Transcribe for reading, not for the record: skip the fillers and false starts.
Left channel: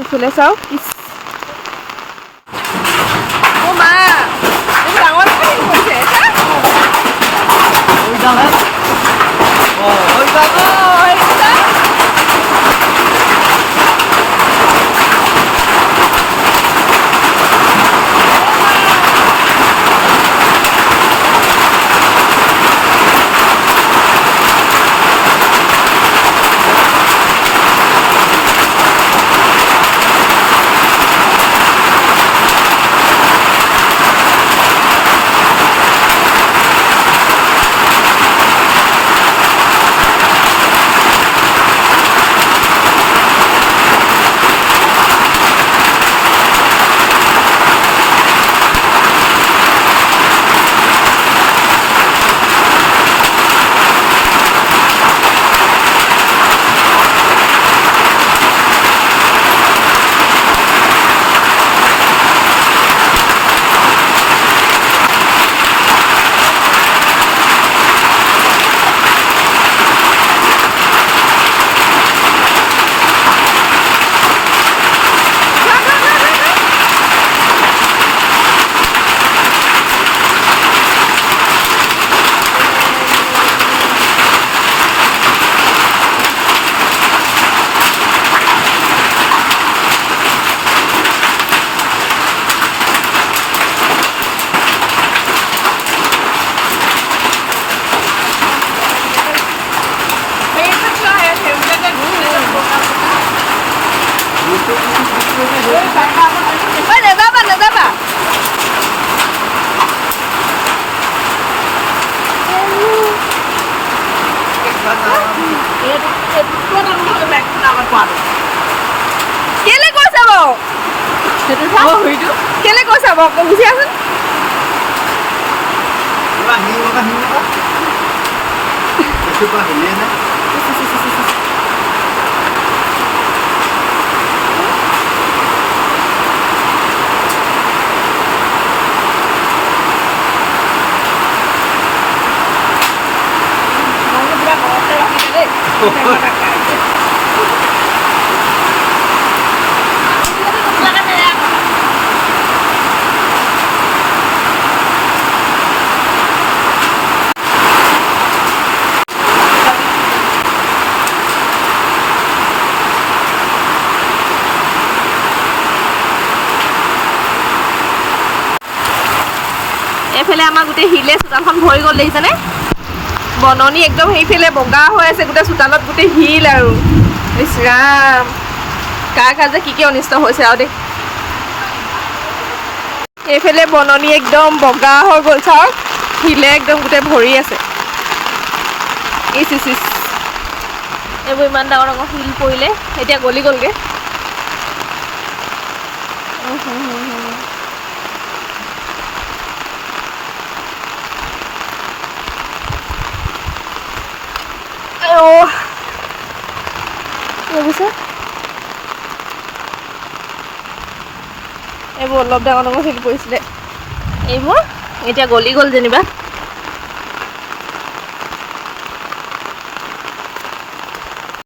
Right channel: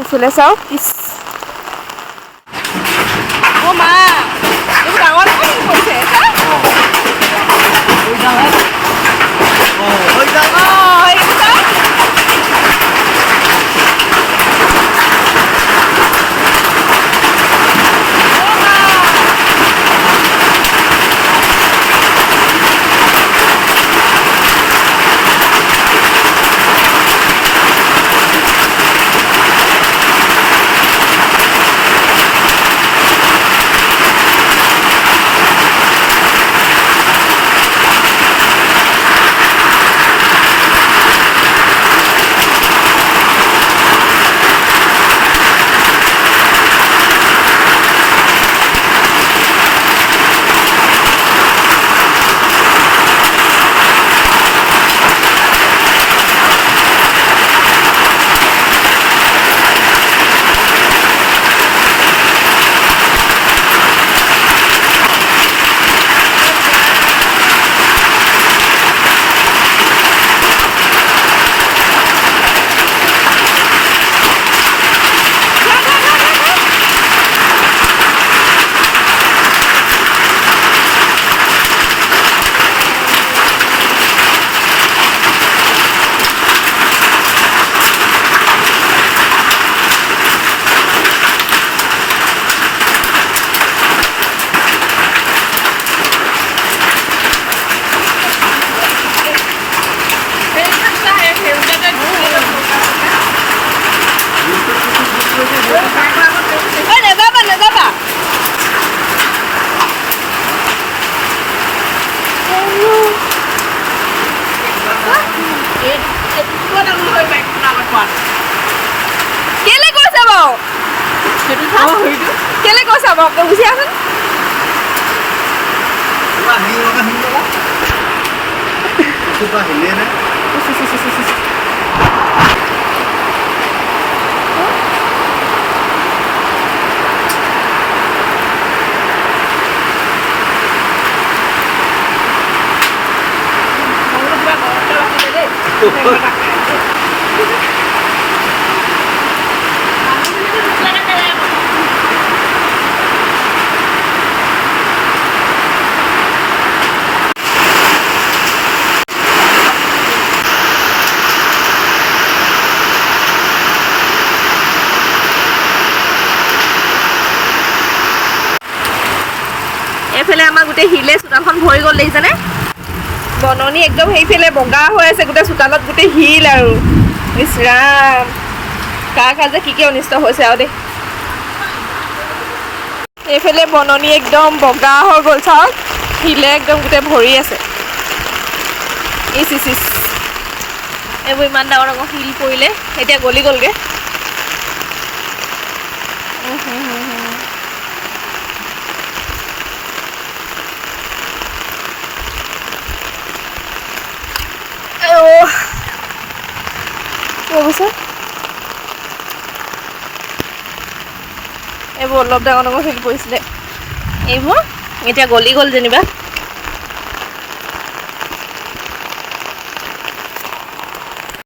এইফালে চাওক ইচ অ' মা এইবোৰ ডাঙৰ ডাঙৰ শিল পৰিছে নেযাবা কেলে কৈছে বাৰু কেলে কৈছে বাৰু গুচি আছোন এইফালে আমাৰ গোটেই শিলে চোতালখন ভৰি গ'ল দেখিছেনে বননি একদম সেইফালে বগা হৈ আছে গোটেই চোতালত গোটেই শিল আৰু ইছ ৰাম কাৰ যে কি অনিষ্ট হৈছে আৰু দেই এইফালে বননি একদম বগা হৈ গ'ল চাওক শিলে একদম গোটেই ভৰি আছে ইচ ইচ ইচ এইবোৰ ইমান ডাঙৰ ডাঙৰ শিল পৰিলে এতিয়া গলি গ'লগৈ এইবোৰ অলপ ডাঙৰ ডাঙৰ শিল পৰিছিলে এইবোৰ এতিয়া গলি গ'ল যেনিবা